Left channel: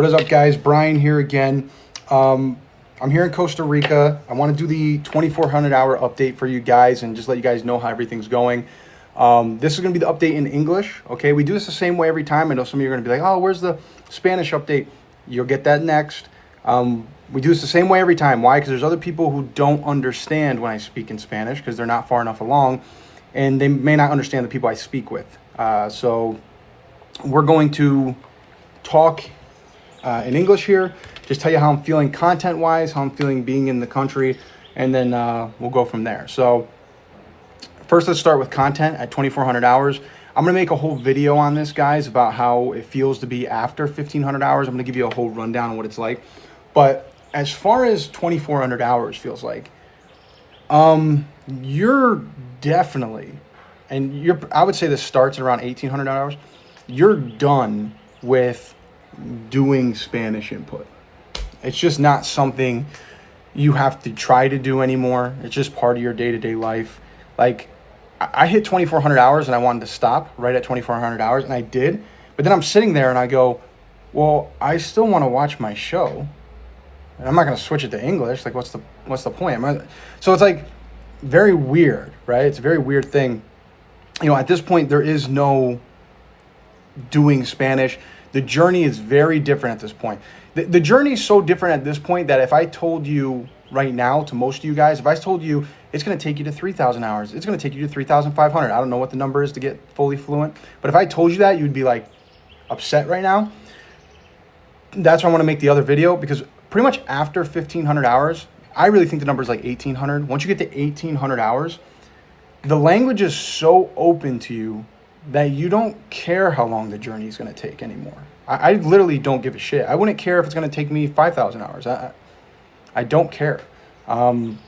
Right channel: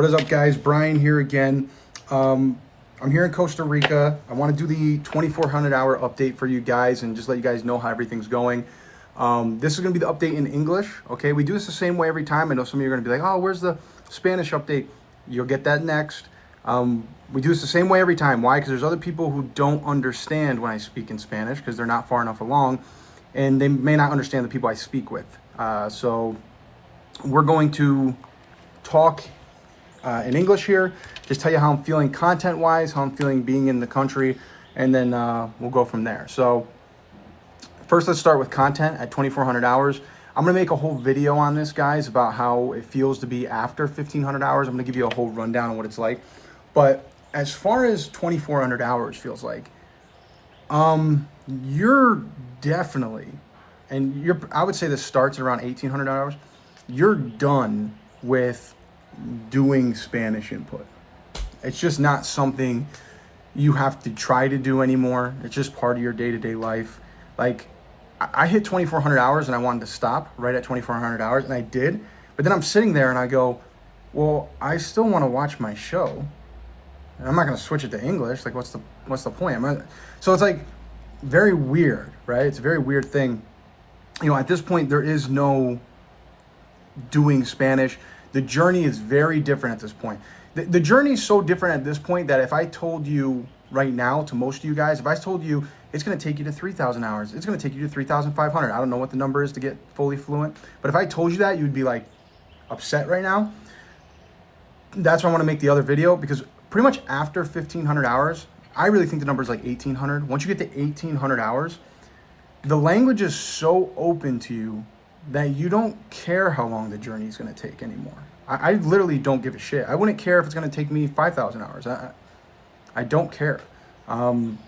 What is up, guys? Brian here again. I'm here in Costa Rica. I want to do the 2400 hour update for you guys and just let you guys know how everything's going. This is going to be the update in English. Okay, we do this the same way every time. I know some of you are going to be like, oh, where's the Spanish update? You'll get that next. We do this the same way every time. Why? Because there's other people who don't understand when I speak in Spanish because they're not far enough along and they may not understand the people I speak with. So we're going to talk in English here, just tell you how I'm feeling content-wise, how I'm feeling being in the country, and then we'll go from there. So first, let's start with content at 2400 hours. I'm going to make a whole video on this, guys, about how it feels to be after 1500 hours. I'm going to give you a whole rundown on what it's like. But as far as 2400 hours feels like, you're definitely, and I would say this starts at around 1800 hours, you're done with doing Spanish input. It's just not something you have to try to do anymore. It's just part of your day-to-day life. Like, I hit 2400 hours and I wanted to stop right at 2400 hours, and I did. But then I'm sitting there and I go, well, I still want to watch my show. And I'm not going to switch it to English. Like, what's the point? So it's like very weird, right? It's a very weird thing. You know, at this point, there is no doing Spanish. The journey is very different at this point. The journey is so different at this point that if I told you right now, to most of you guys, if I told you it's going to take you to 3,000 hours, it's going to take you to 3,500. I don't know what the number is to get fully fluent. But if I told you that, you'd be like upset right now. That's why I want to make the other video, because pretty much after 1,500 hours, I really think the number is like 1,800. Once you get to 1,800 hours, the language is so open to you that you don't care how long the journey is going to take anymore. I literally don't give a shit. I wouldn't care if it's going to take me 5,000 hours. I don't care. I'm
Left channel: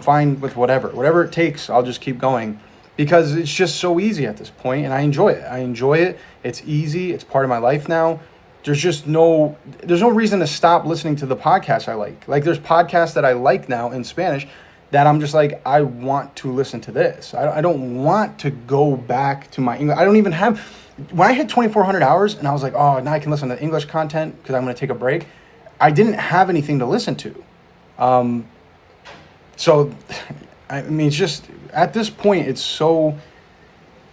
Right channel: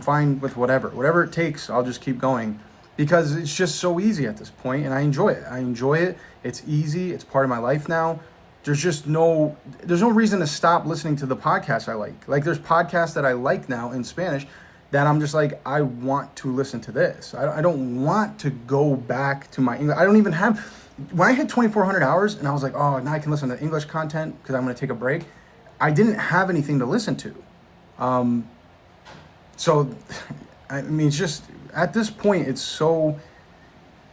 fine with whatever it takes. I'll just keep going because it's just so easy at this point, and I enjoy it. It's easy. It's part of my life now. There's no reason to stop listening to the podcasts I like. Like, there's podcasts that I like now in Spanish that I'm just like, I want to listen to this. I don't want to go back to my English. I don't even have, when I hit 2400 hours and I was like, oh, now I can listen to English content because I'm going to take a break. I didn't have anything to listen to. So, I mean, it's just, at this point, it's so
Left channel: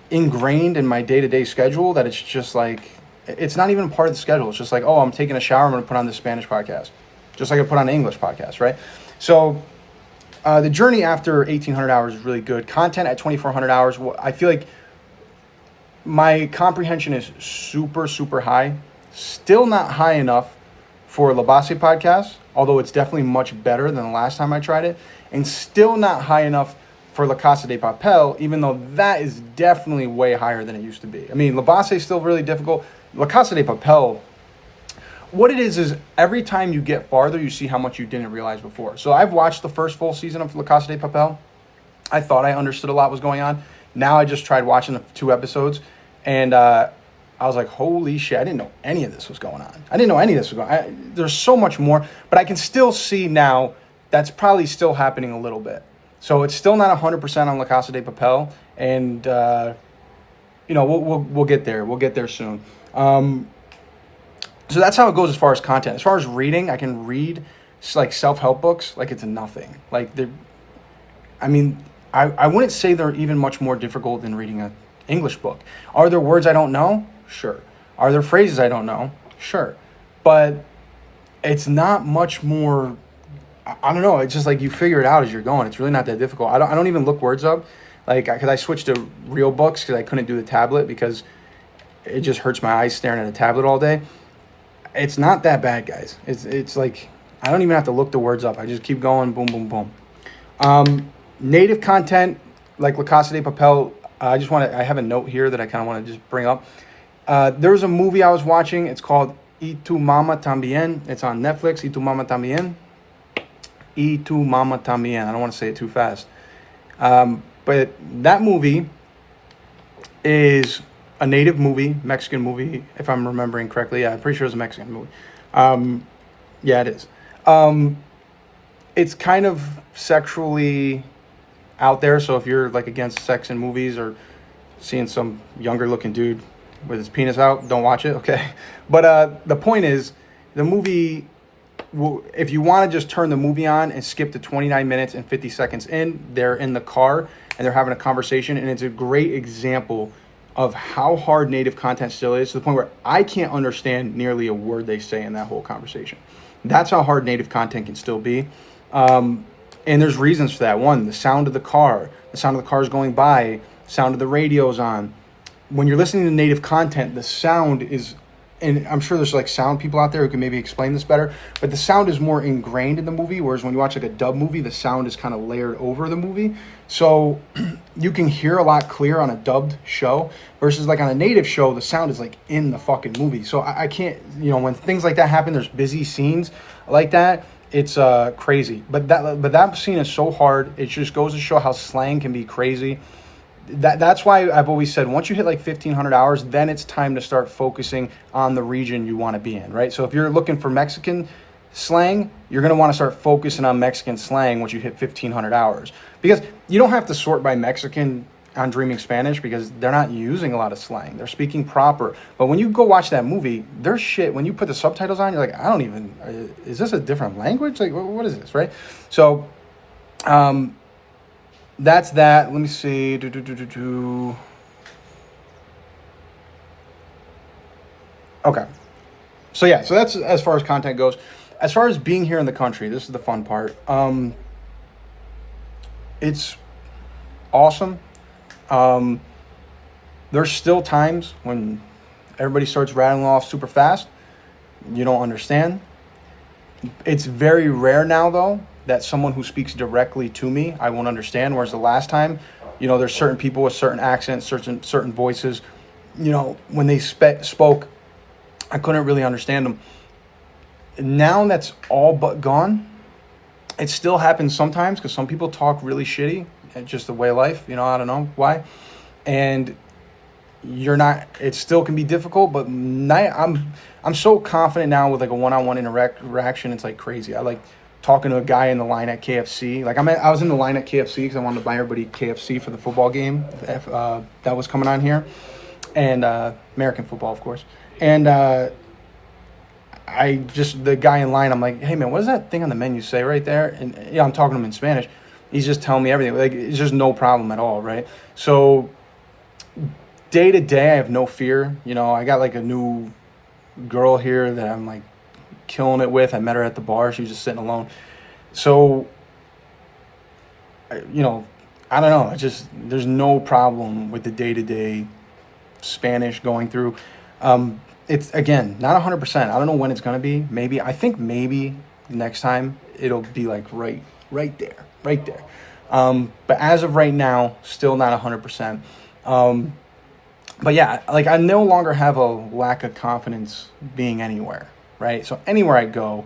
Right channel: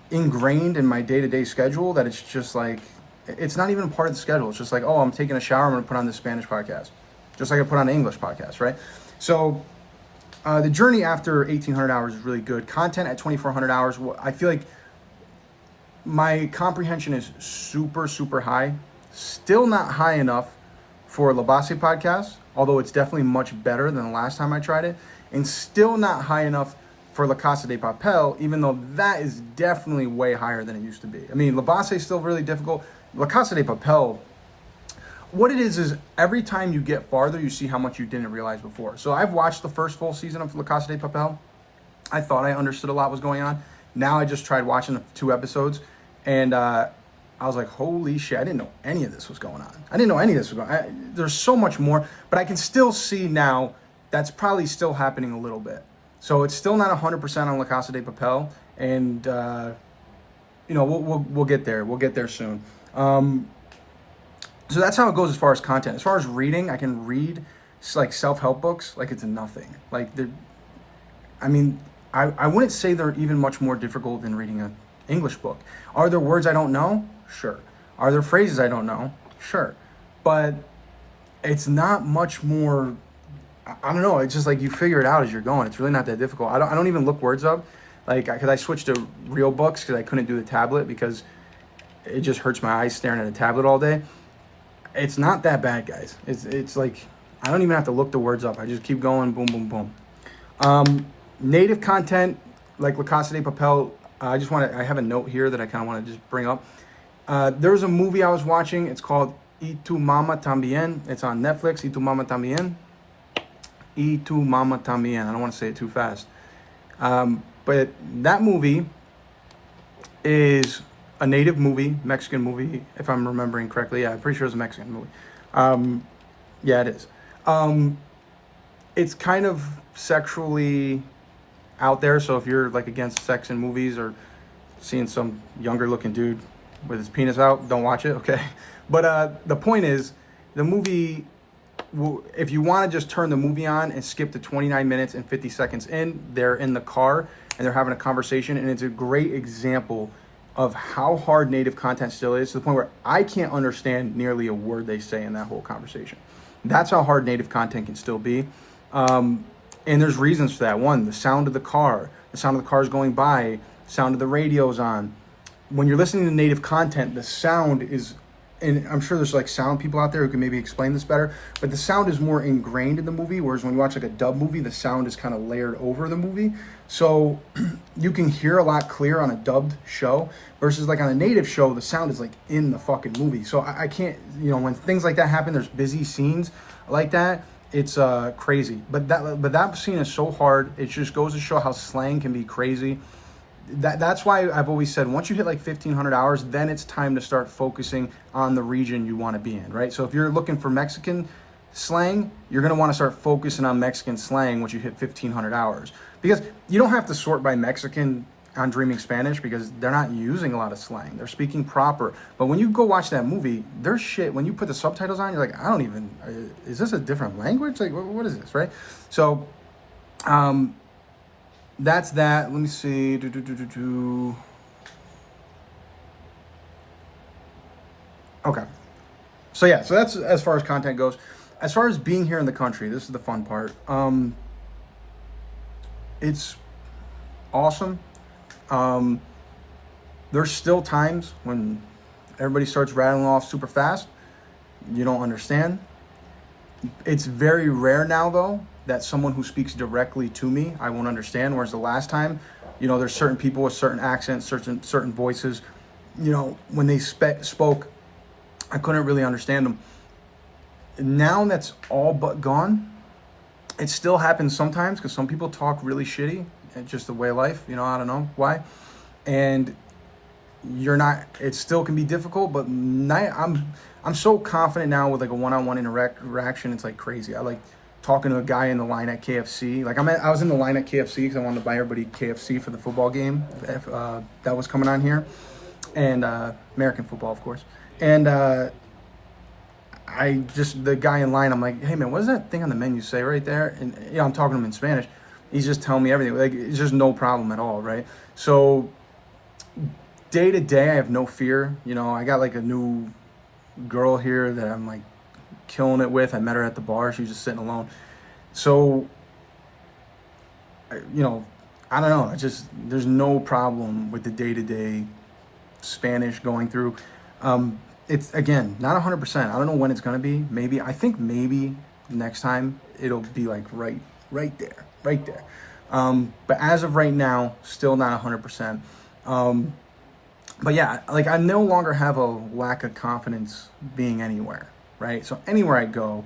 ingrained in my day-to-day schedule that it's just like, it's not even part of the schedule. It's just like, oh, I'm taking a shower, I'm going to put on this Spanish podcast. Just like I put on an English podcast, right? So, the journey after 1,800 hours is really good. Content at 2,400 hours, I feel like my comprehension is super, super high. Still not high enough for La Base podcast, although it's definitely much better than the last time I tried it. And still not high enough for La Casa de Papel, even though that is definitely way higher than it used to be. I mean, La Base is still really difficult. La Casa de Papel, what it is every time you get farther, you see how much you didn't realize before. So I've watched the first full season of La Casa de Papel. I thought I understood a lot was going on. Now I just tried watching the 2 episodes, and I was like, holy shit, I didn't know any of this was going on. There's so much more, but I can still see now that's probably still happening a little bit. So it's still not 100% on La Casa de Papel, and you know, we'll get there. We'll get there soon. So that's how it goes as far as content. As far as reading, I can read like self-help books like it's nothing. Like, I wouldn't say they're even much more difficult than reading an English book. Are there words I don't know? Sure. Are there phrases I don't know? Sure. But it's not much more, I don't know. It's just like you figure it out as you're going. It's really not that difficult. I don't even look words up. Like, because I switched to real books because I couldn't do the tablet because it just hurts my eyes staring at a tablet all day. It's not that bad, guys. It's like, I don't even have to look the words up. I just keep going, boom, boom, boom. Native content, like La Casa de Papel, I have a note here that I kind of want to just bring up. There was a movie I was watching. It's called Y Tu Mama Tambien. It's on Netflix, Y Tu Mama Tambien. Y Tu Mama Tambien. I don't want to say it too fast. But that movie is a native movie, Mexican movie, if I'm remembering correctly. Yeah, I'm pretty sure it's a Mexican movie. Yeah, it is. It's kind of sexually out there, so if you're like against sex in movies or seeing some younger looking dude with his penis out, don't watch it, okay? But the point is, The movie, if you want to just turn the movie on and skip to 29 minutes and 50 seconds in, they're in the car and they're having a conversation, and it's a great example of how hard native content still is, to the point where I can't understand nearly a word they say in that whole conversation. That's how hard native content can still be. And there's reasons for that. One, the sound of the cars going by, sound of the radios on. When you're listening to native content, the sound is, and I'm sure there's like sound people out there who can maybe explain this better, but the sound is more ingrained in the movie, whereas when you watch like a dub movie, the sound is kind of layered over the movie. So you can hear a lot clearer on a dubbed show versus like on a native show, the sound is like in the fucking movie. So I can't, when things like that happen, there's busy scenes like that, it's crazy. But that scene is so hard. It just goes to show how slang can be crazy. That's why I've always said, once you hit like 1,500 hours, then it's time to start focusing on the region you want to be in, right? So if you're looking for Mexican slang, you're going to want to start focusing on Mexican slang once you hit 1,500 hours. Because you don't have to sort by Mexican on Dreaming Spanish, because they're not using a lot of slang. They're speaking proper. But when you go watch that movie, there's shit. When you put the subtitles on, you're like, is this a different language? Like, what is this, right? So, that's that. Let me see. Okay. So yeah, so that's as far as content goes. As far as being here in the country, this is the fun part. It's awesome. There's still times when everybody starts rattling off super fast. You don't understand. It's very rare now, though, that someone who speaks directly to me, I won't understand. Whereas the last time, there's certain people with certain accents, certain voices, when they spoke, I couldn't really understand them. Now that's all but gone. It still happens sometimes because some people talk really shitty. It's just the way of life, I don't know why. And it still can be difficult, but I'm so confident now with like a one-on-one interaction. It's like crazy. I like talking to a guy in the line at KFC. Like I was in the line at KFC because I wanted to buy everybody KFC for the football game that was coming on here, and American football, of course. And the guy in line, I'm like, hey man, what does that thing on the menu say right there? And I'm talking to him in Spanish. He's just telling me everything. Like, it's just no problem at all, right? So day to day, I have no fear. I got like a new girl here that I'm like killing it with. I met her at the bar. She was just sitting alone. So, I don't know. There's no problem with the day-to-day Spanish going through. It's, again, not 100%. I don't know when it's going to be. I think maybe next time it'll be like right there. But as of right now, still not 100%. But yeah, like I no longer have a lack of confidence being anywhere, right? So anywhere I go,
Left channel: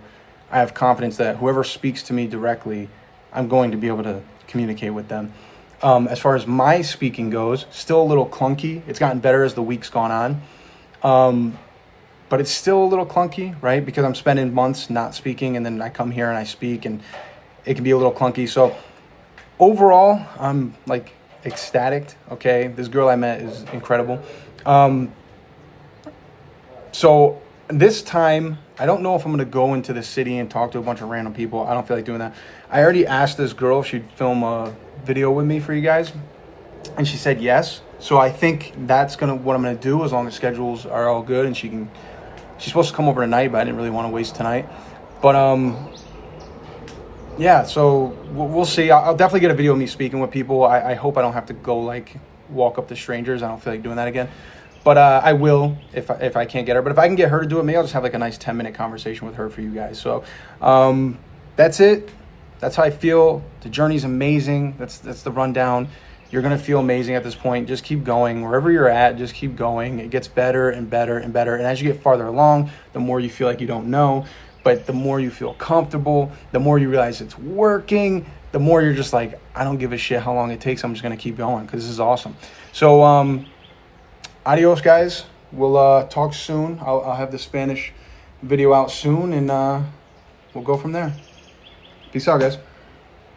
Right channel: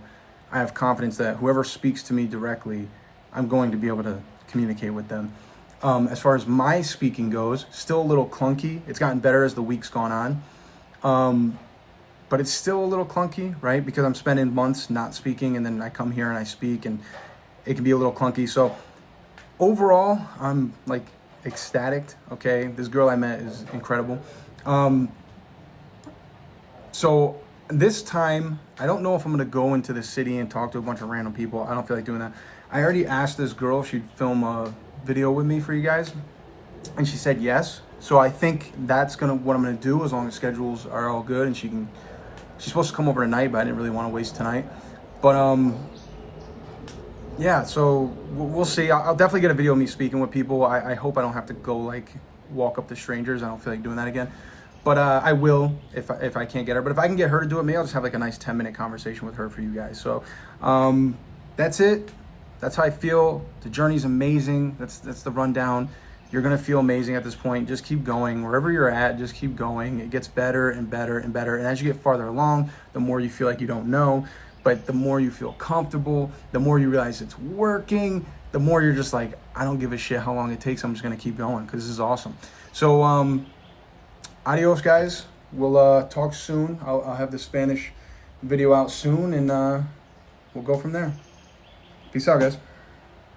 I have confidence that whoever speaks to me directly, I'm going to be able to communicate with them. As far as my speaking goes, still a little clunky. It's gotten better as the week's gone on. But it's still a little clunky, right? Because I'm spending months not speaking, and then I come here and I speak, and it can be a little clunky. So overall, I'm like ecstatic. Okay, this girl I met is incredible. So this time, I don't know if I'm gonna go into the city and talk to a bunch of random people. I don't feel like doing that. I already asked this girl if she'd film a video with me for you guys, and she said yes. So I think that's what I'm gonna do, as long as schedules are all good, and she's supposed to come over tonight, but I didn't really want to waste tonight. But yeah, so we'll see. I'll definitely get a video of me speaking with people. I hope I don't have to go like walk up to strangers. I don't feel like doing that again. But I will if I can't get her. But if I can get her to do it, maybe I'll just have like a nice 10-minute conversation with her for you guys. So that's it. That's how I feel. The journey's amazing. That's the rundown. You're going to feel amazing at this point. Just keep going. Wherever you're at, just keep going. It gets better and better and better. And as you get farther along, the more you feel like you don't know. But the more you feel comfortable, the more you realize it's working, the more you're just like, I don't give a shit how long it takes. I'm just going to keep going because this is awesome. So adios, guys. We'll talk soon. I'll have the Spanish video out soon, and we'll go from there. Peace out, guys.